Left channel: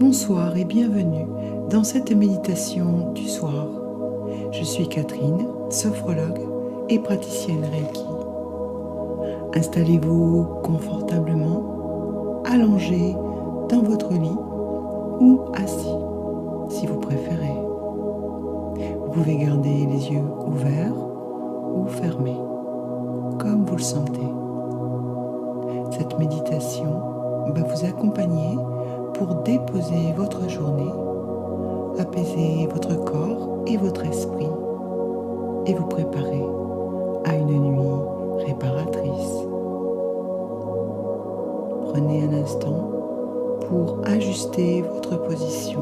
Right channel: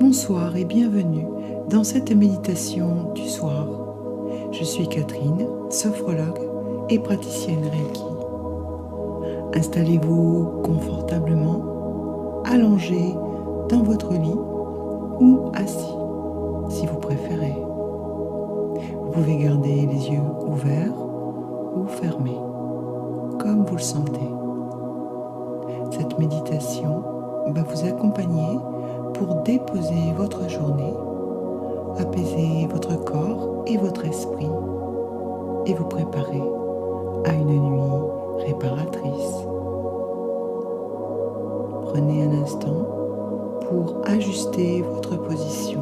Bonsoir et bienvenue dans cette méditation du soir. Je suis Catherine, sophrologue et praticienne Reiki. Installez-vous confortablement, allongé dans votre lit ou assis, si vous préférez. Vous pouvez garder les yeux ouverts ou fermés, comme vous le sentez. Cette méditation va vous accompagner pour déposer votre journée, apaiser votre corps et votre esprit et vous préparer à une nuit réparatrice. Prenez un instant pour ajuster votre position,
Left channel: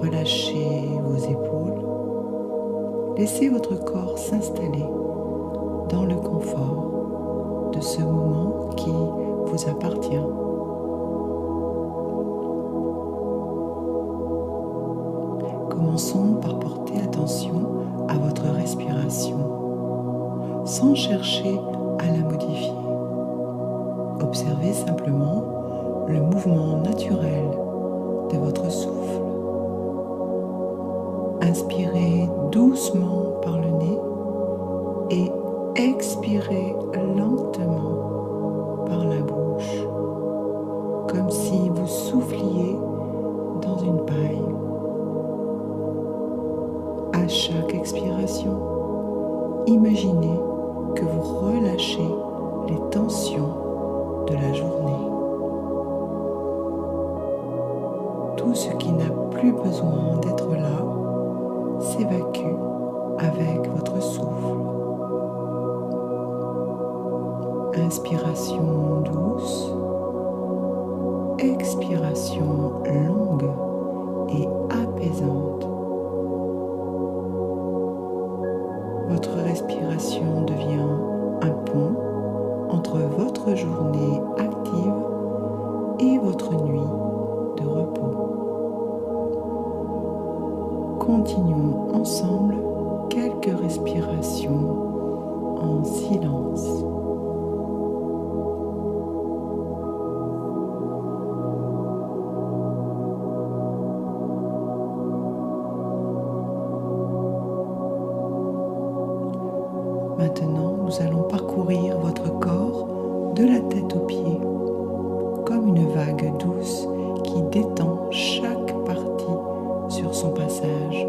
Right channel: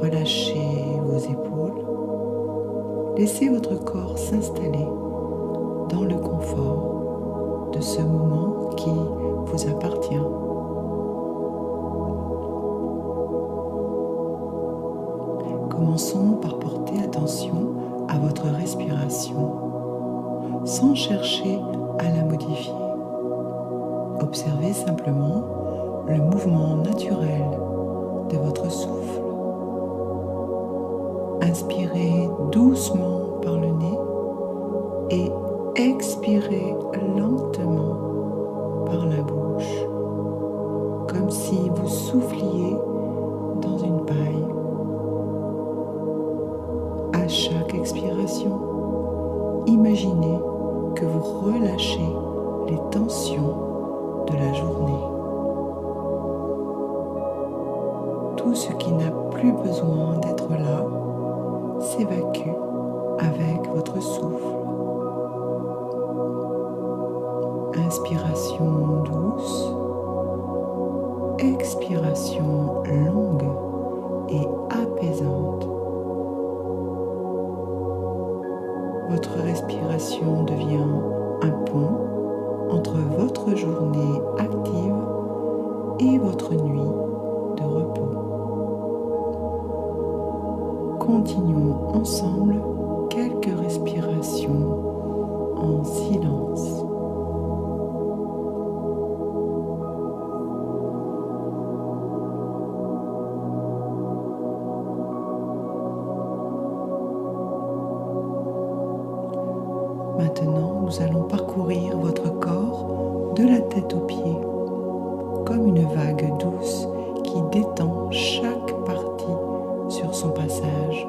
relâchez vos épaules, laissez votre corps s'installer dans le confort de ce moment qui vous appartient. Commençons par porter attention à votre respiration, sans chercher à la modifier. Observez simplement le mouvement naturel de votre souffle. Inspirez doucement par le nez et expirez lentement par la bouche, comme si vous souffliez dans une paille. À chaque expiration, imaginez que vous relâchez les tensions de la journée. Tout ce qui n'a plus besoin d'être là s'évacue avec votre souffle. Inspiration douce, expiration longue et apaisante. Votre respiration devient un pont entre votre journée active et votre nuit de repos. Continuons ensemble quelques respirations en silence. Maintenant, nous allons parcourir votre corps de la tête aux pieds, comme une vague douce qui détend chaque partie sur son passage.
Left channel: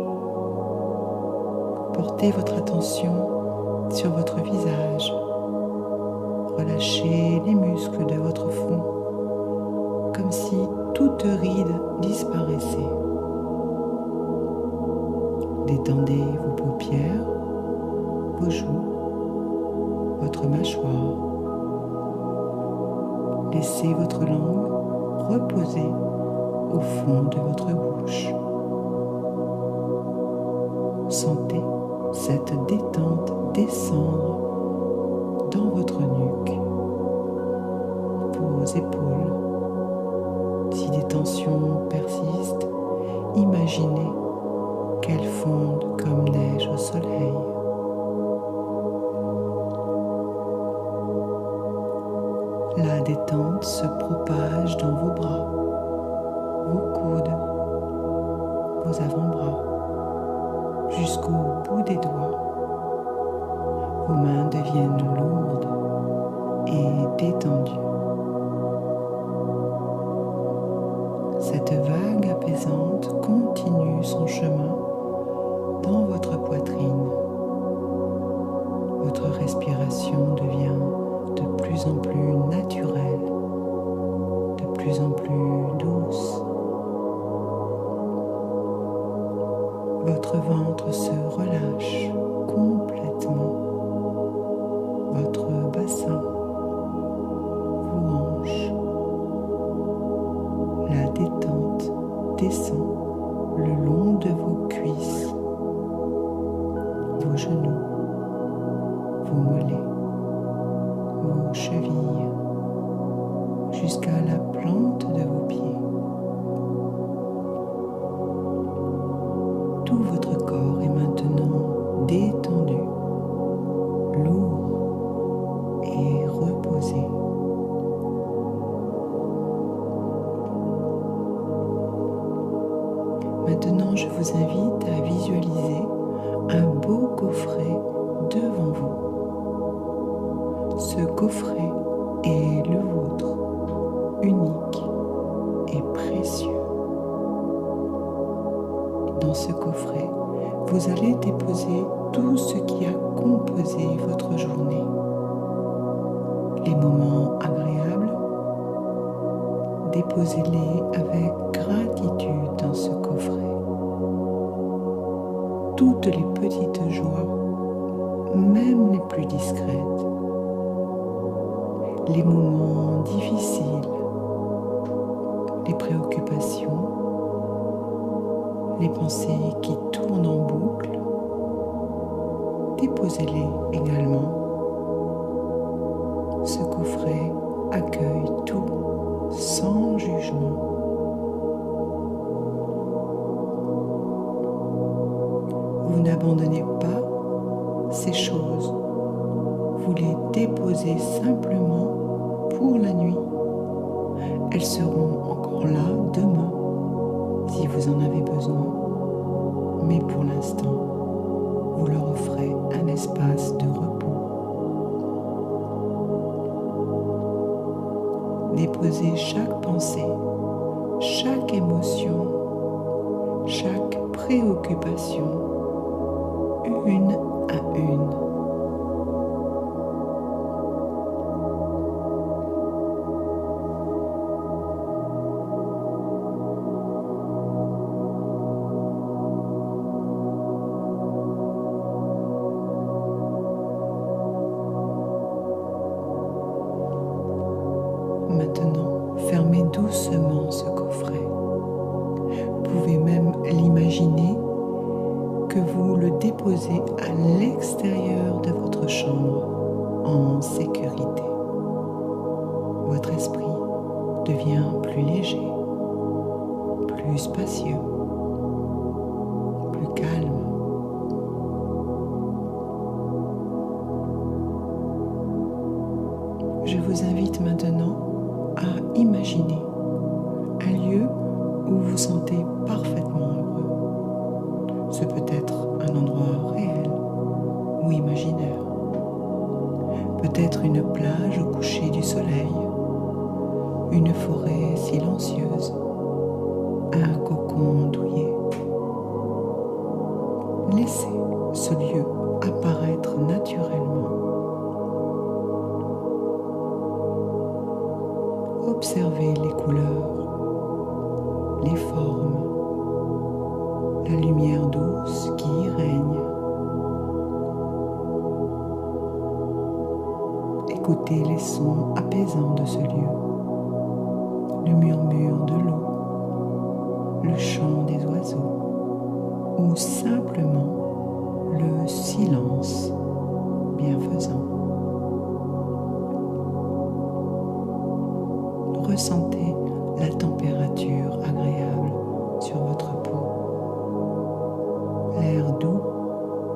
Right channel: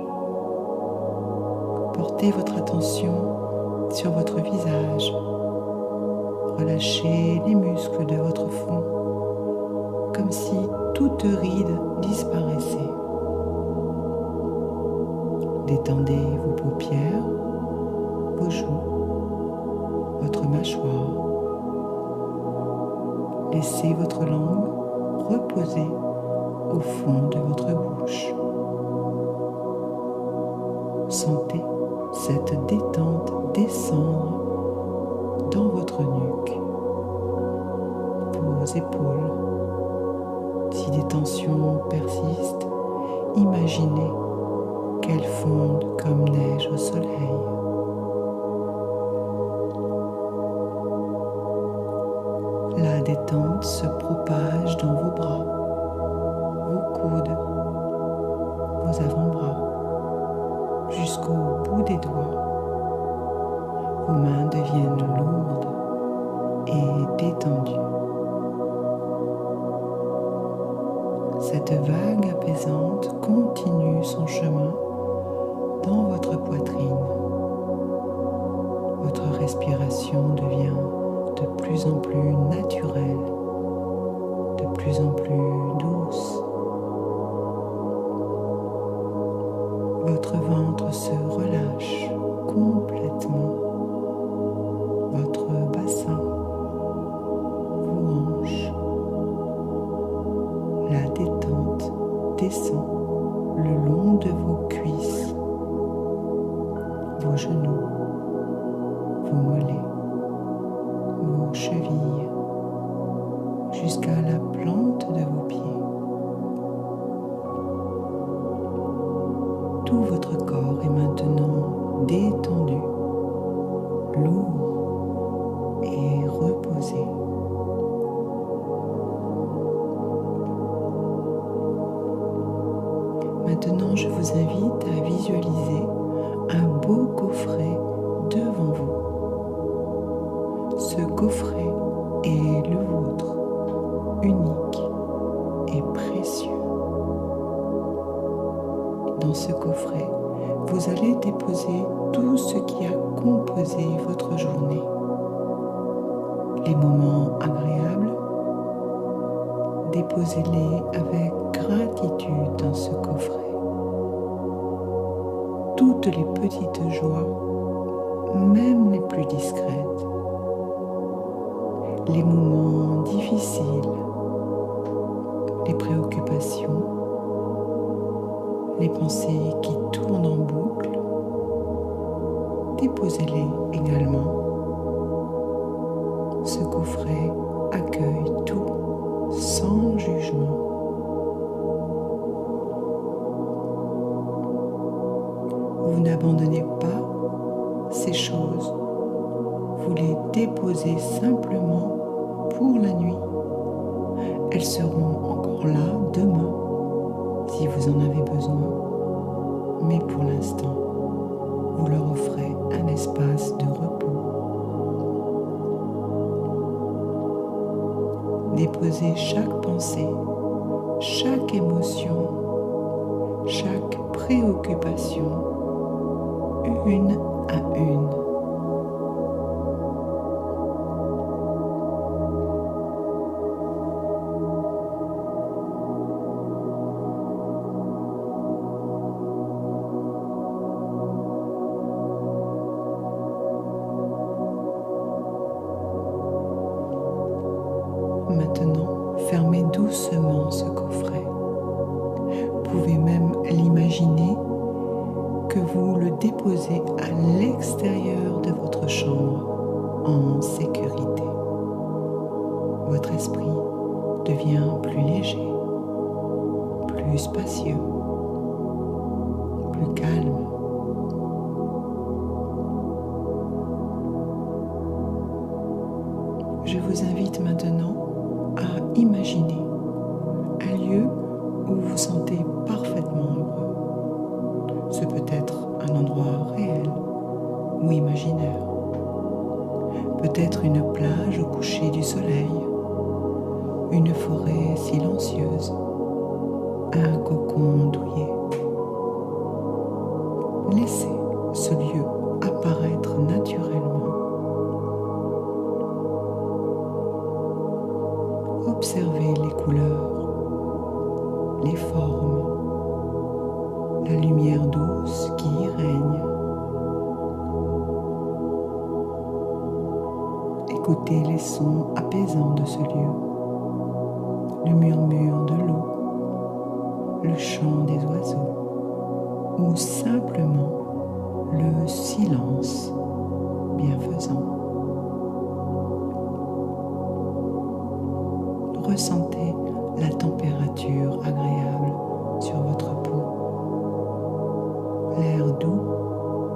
Portez votre attention sur votre visage. Relâchez les muscles de votre front, comme si toute ride disparaissait. Détendez vos paupières, vos joues, votre mâchoire. Laissez votre langue reposer au fond de votre bouche. Sentez cette détente descendre dans votre nuque, vos épaules. Si des tensions persistent, imaginez qu'elles fondent comme neige au soleil. La détente se propage dans vos bras, vos coudes, vos avant-bras, jusqu'au bout des doigts. Vos mains deviennent lourdes et détendues. Cette vague apaisante continue son chemin dans votre poitrine. Votre respiration devient de plus en plus naturelle, de plus en plus douce. Votre ventre se relâche complètement. Votre bassin, vos hanches. La détente descend le long de vos cuisses, vos genoux, vos mollets, vos chevilles, jusqu'à la plante de vos pieds. Tout votre corps est maintenant détendu, lourd et reposé. Maintenant, je vous invite à visualiser un beau coffret devant vous. Ce coffret est le vôtre, unique et précieux. Dans ce coffret, vous allez déposer tout ce qui a composé votre journée. Les moments agréables, déposez-les avec gratitude dans ce coffret. Toutes les petites joies, même les plus discrètes. Les moments difficiles, les préoccupations, les pensées qui tournent en boucle, déposez-les également. Ce coffret accueille tout sans jugement. Vous n'abandonnez pas ces choses, vous les déposez simplement pour la nuit. Elles seront encore là demain si vous en avez besoin, mais pour l'instant, vous leur offrez un espace de repos. Déposez chaque pensée, chaque émotion, chaque préoccupation, une à une. Maintenant, fermez doucement ce coffret. Vous pouvez même l'imaginer que vous le déposez à l'extérieur de votre chambre, en sécurité. Votre esprit devient plus léger, plus spacieux, plus calme. Je vous invite maintenant à imaginer un lieu où vous vous sentez parfaitement heureux. Ce peut être un endroit réel ou imaginaire. Peut-être une plage au coucher du soleil, une forêt silencieuse, un cocon douillet. Laissez ce lieu apparaître naturellement. Observez les couleurs, les formes, la lumière douce qui y règne. Écoutez les sons apaisants de ce lieu, le murmure de l'eau, le chant des oiseaux ou simplement le silence bienfaisant. Ressentez la température agréable sur votre peau, l'air doux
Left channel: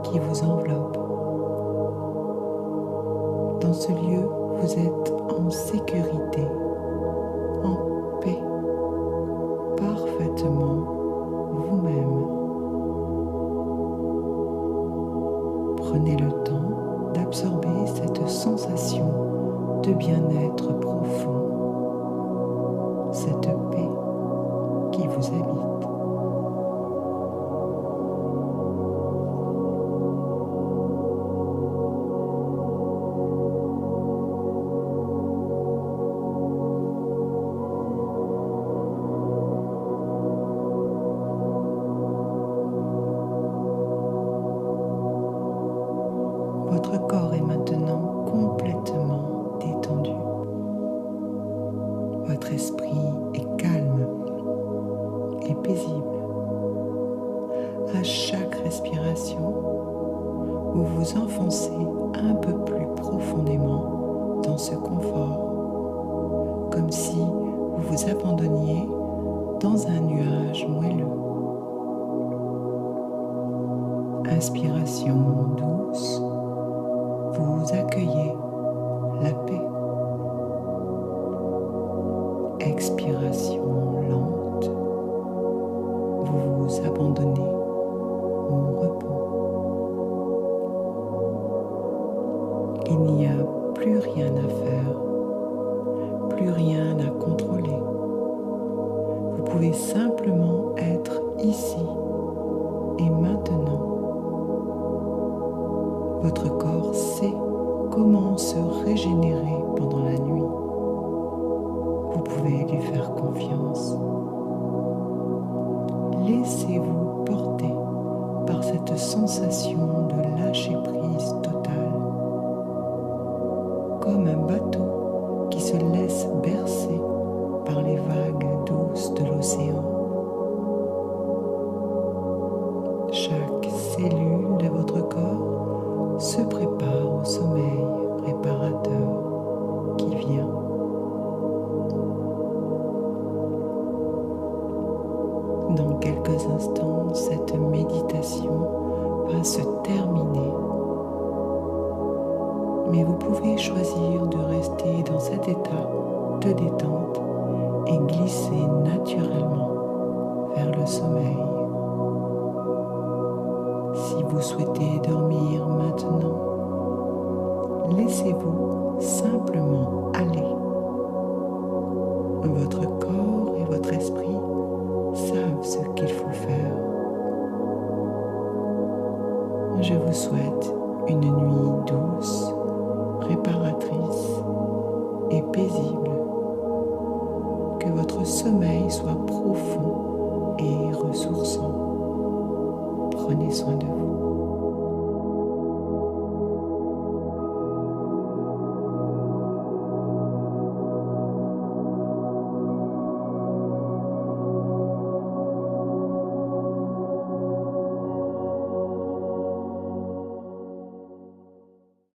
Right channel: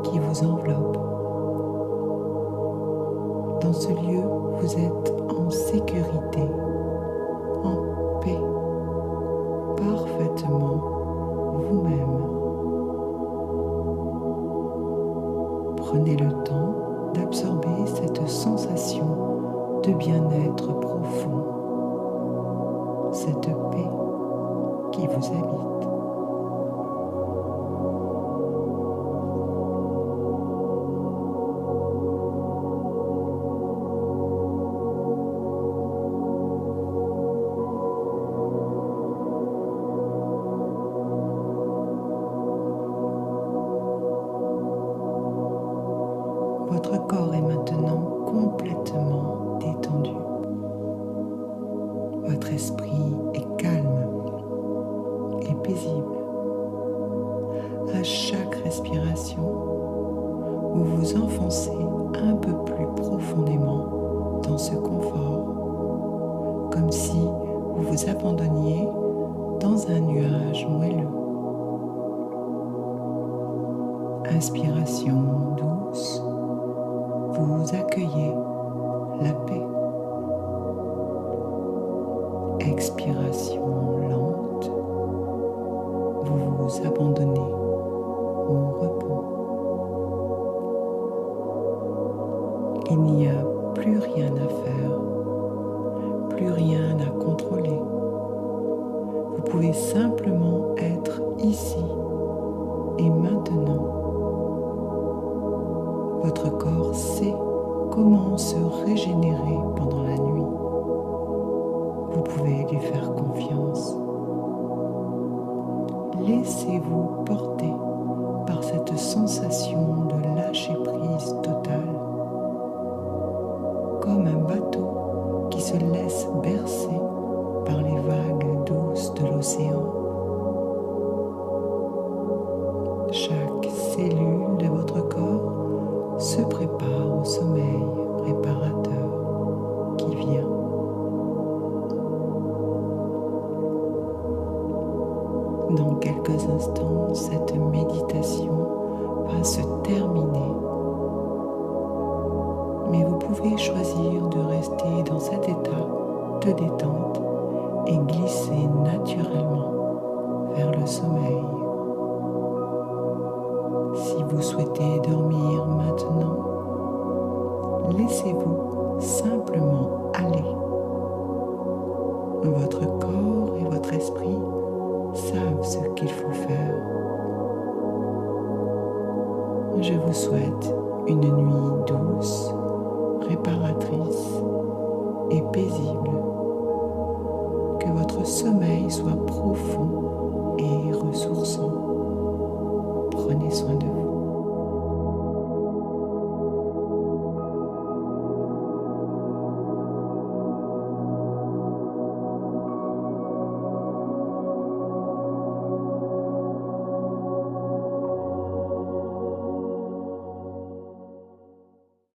qui vous enveloppe. Dans ce lieu, vous êtes en sécurité, en paix, parfaitement vous-même. Prenez le temps d'absorber cette sensation de bien-être profond, cette paix qui vous habite. Votre corps est maintenant complètement détendu. Votre esprit est calme et paisible. À chaque respiration, vous vous enfoncez un peu plus profondément dans ce confort, comme si vous vous abandonniez dans un nuage moelleux. Inspiration douce, vous accueillez la paix. Expiration lente, vous vous vous abandonner au repos. Il n'y a plus rien à faire, plus rien à contrôler. Vous pouvez simplement être ici et maintenant. Votre corps sait comment se régénérer pendant la nuit. Vous pouvez lui faire confiance. Laissez-vous porter par cette sensation de lâcher prise totale, comme un bateau qui se laisse bercer par les vagues douces de l'océan. Chaque cellule de votre corps se prépare au sommeil réparateur qui vient. Dans quelques instants, cette méditation va se terminer, mais vous pouvez choisir de rester dans cet état de détente et glisser naturellement vers le sommeil. Si vous souhaitez dormir maintenant, laissez-vous simplement aller. Votre corps et votre esprit savent ce qu'il faut faire. Je vous souhaite une nuit douce, réparatrice et paisible. Que votre sommeil soit profond et ressourçant. Prenez soin de vous.